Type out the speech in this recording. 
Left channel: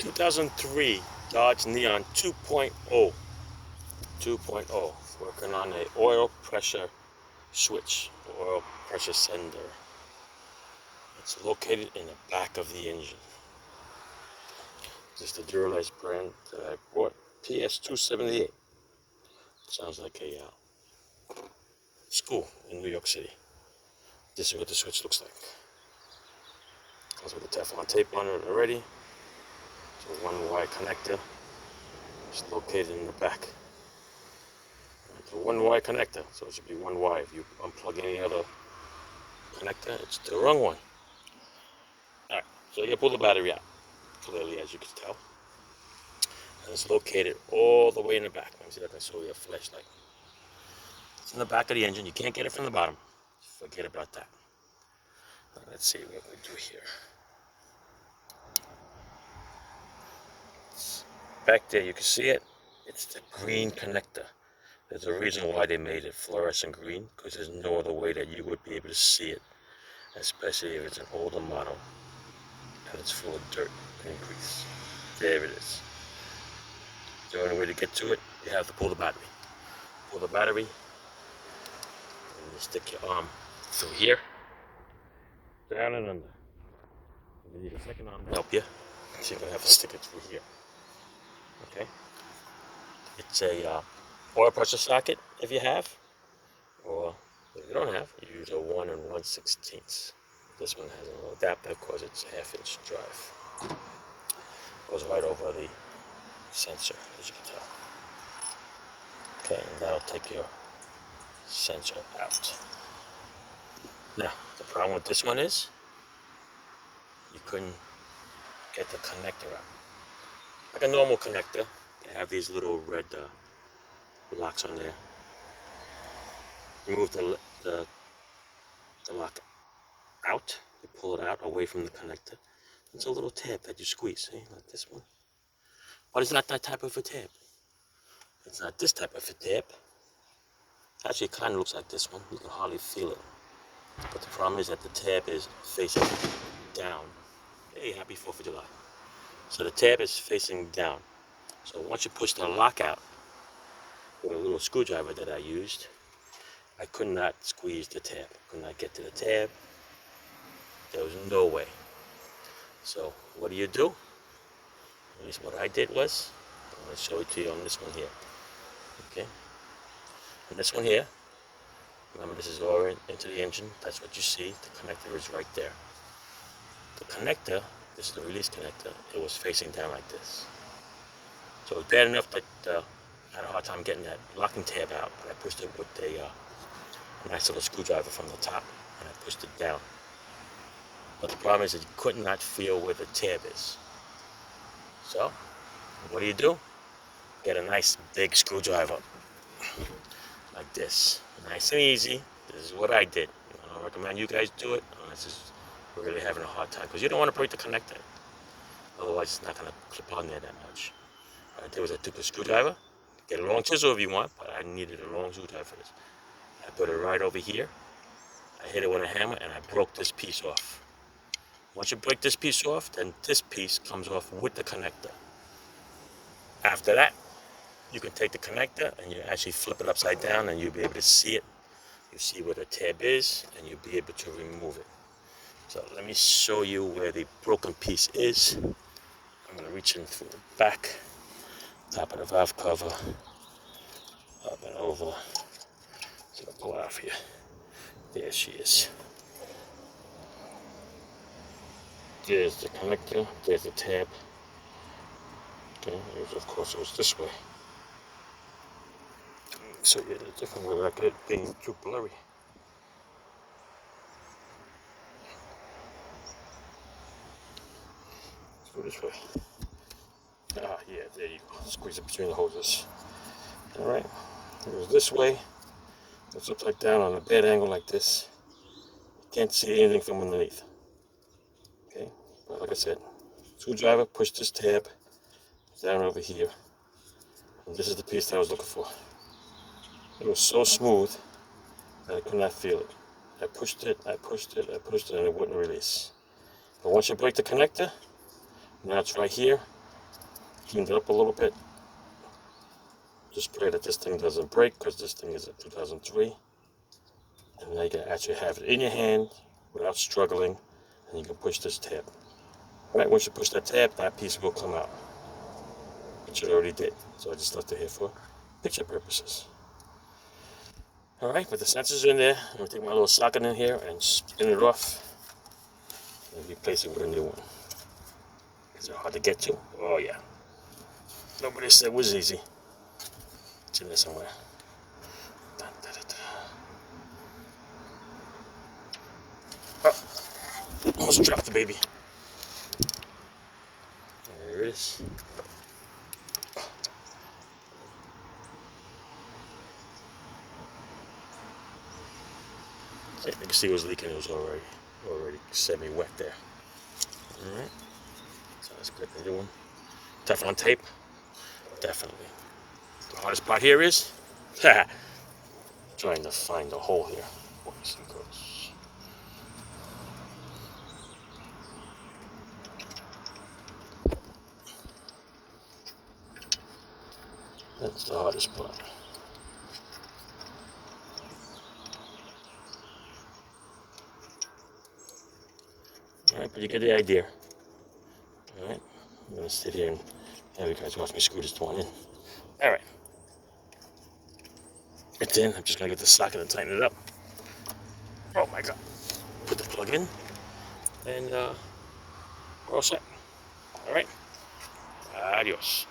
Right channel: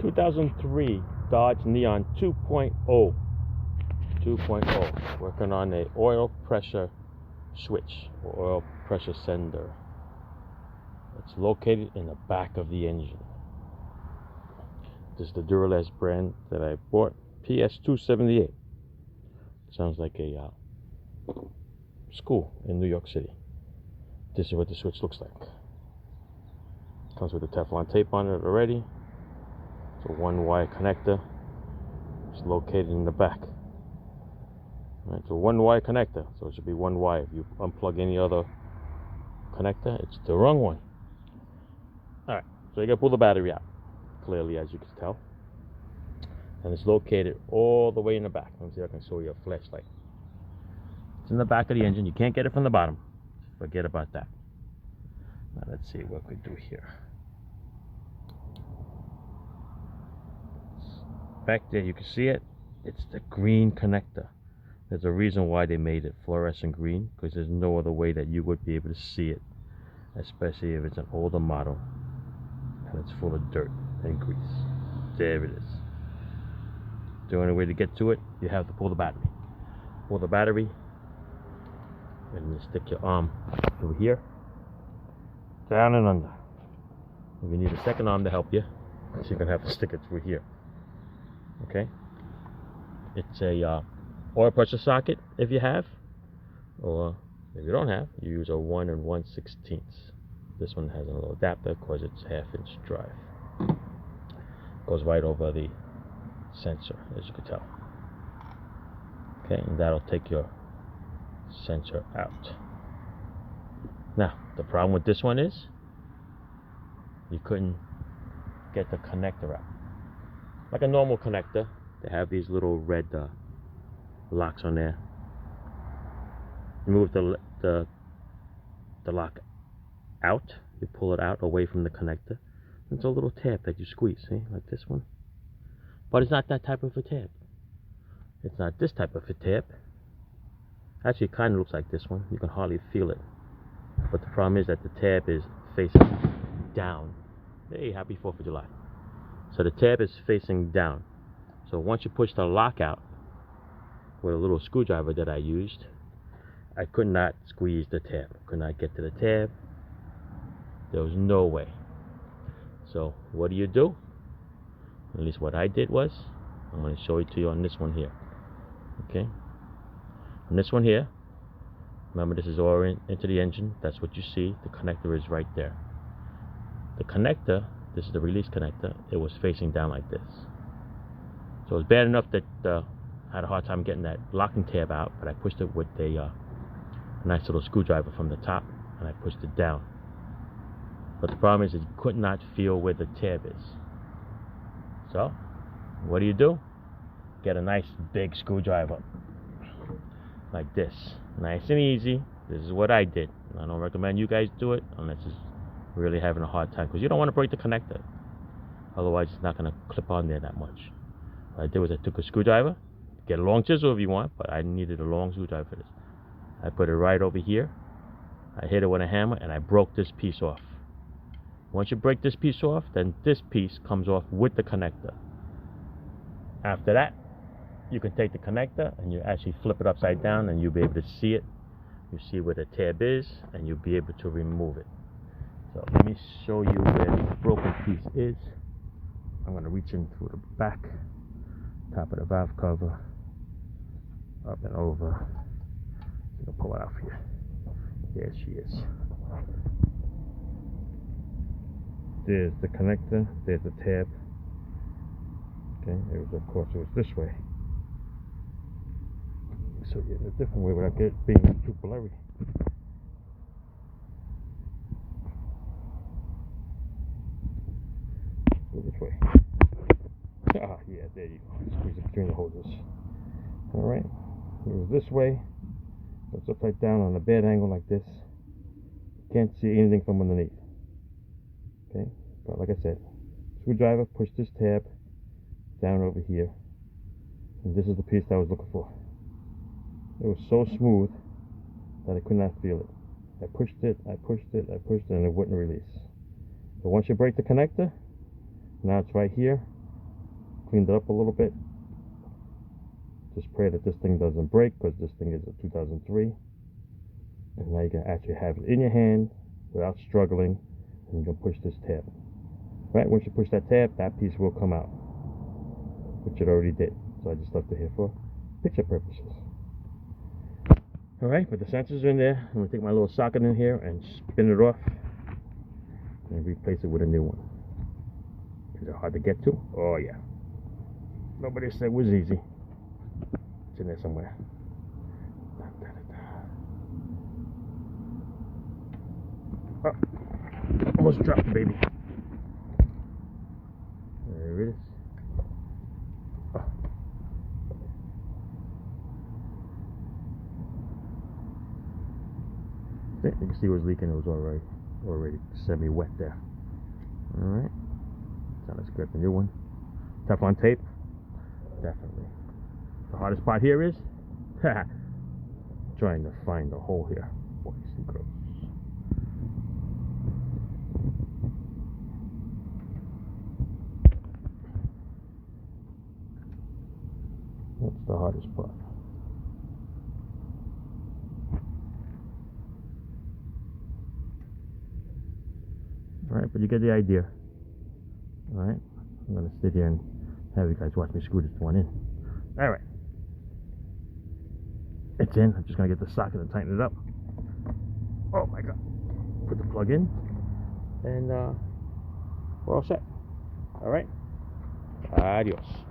2003 Dodge Neon 2.0. 2.0. Working on a oil pressure switch or oil pressure sender. It's located in the back of the engine. This is the Duralast brand that I bought, PS278. Sounds like a school in New York City. This is what the switch looks like. Comes with a Teflon tape on it already. It's a one-wire connector. It's located in the back. Right, the one-wire connector, so it should be one wire. If you unplug any other connector, it's the wrong one. All right, so you gotta pull the battery out, clearly, as you can tell. And it's located all the way in the back. Let me see if I can show you a flashlight. It's in the back of the engine. You can't get it from the bottom. Forget about that. Now let's see what we do here. It's back there, you can see it. It's the green connector. There's a reason why they made it fluorescent green, because there's no other way that you would be able to see it, especially if it's an older model and it's full of dirt and grease. There it is. The only way to get to it, you have to pull the battery. Pull the battery, and you stick your arm through here, down and under. If you need a second arm to help you, so you're gonna have to stick it through here. Okay? It's a oil pressure socket if you have, or if you don't have, you use a 1 1/16. This one has a little adapter because it's 1/2-inch drive. Goes right over the sensor, as you can tell. Okay, and that'll take your sensor out. Now, the problem with this one is you couldn't get the connector out. Like a normal connector, they have these little red locks on there. You move the lock out, you pull it out away from the connector. It's a little tab that you squeeze, see, like this one. But it's not that type of a tab. It's not this type of a tab. Actually, it kind of looks like this one. You can hardly feel it. But the problem is that the tab is facing down. Hey, happy 4th of July. So the tab is facing down. So once you push the lock out with a little screwdriver that I used, I could not squeeze the tab. Could not get to the tab. There was no way. So what do? At least what I did was, I'm going to show it to you on this one here. Okay? And this one here, remember this is all into the engine. That's what you see. The connector is right there. The connector, this is the release connector, it was facing down like this. So it was bad enough that I had a hard time getting that locking tab out, but I pushed it with a nice little screwdriver from the top, and I pushed it down. But the problem is that you could not feel where the tab is. So, what do? Get a nice big screwdriver, like this. Nice and easy. This is what I did. I don't recommend you guys do it unless you're really having a hard time, because you don't want to break the connector. Otherwise, it's not going to clip on there that much. What I did was I took a screwdriver, get a long chisel if you want, but I needed a long screwdriver for this. I put it right over here. I hit it with a hammer, and I broke this piece off. Once you break this piece off, then this piece comes off with the connector. After that, you can take the connector and you actually flip it upside down, and you'll be able to see it. You see where the tab is, and you'll be able to remove it. So let me show you where the broken piece is. I'm going to reach in through the back, top of the valve cover, up and over. So I'll pull it out for you. There she is. There's the connector, there's the tab. Okay, of course it was this way. So yeah, a different way without it being too blurry. Let's go this way. Ah, yeah, there you go. Squeeze it between the hoses. All right, it was this way. It's upside down on a bad angle like this. You can't see anything from underneath. Okay, but like I said, screwdriver, push this tab down over here, and this is the piece that I was looking for. It was so smooth that I could not feel it. I pushed it, and it wouldn't release. But once you break the connector, now it's right here, cleaned it up a little bit. Just pray that this thing doesn't break, because this thing is a 2003. And now you can actually have it in your hand without struggling, and you can push this tab. Right, once you push that tab, that piece will come out, which it already did. So I just left it here for picture purposes. All right, but the sensor's in there. I'm gonna take my little socket in here and spin it off and replace it with a new one. Is it hard to get to? Oh yeah. Nobody said it was easy. It's in there somewhere. Da, da, da, da. Oh, almost dropped the baby. There it is. Oh. Yeah, you can see it was leaking. It was already semi-wet there. All right. So let's grab the new one. Teflon tape. Definitely. The hardest part here is trying to find the hole here. Boys and girls. That's the hardest part. All right, but you get the idea. All right, I'm gonna sit here and have you guys watch me screw this one in. All right, it's in. I'm just gonna get the socket and tighten it up. Oh my God! Put the plug in, and we're all set. All right, adios.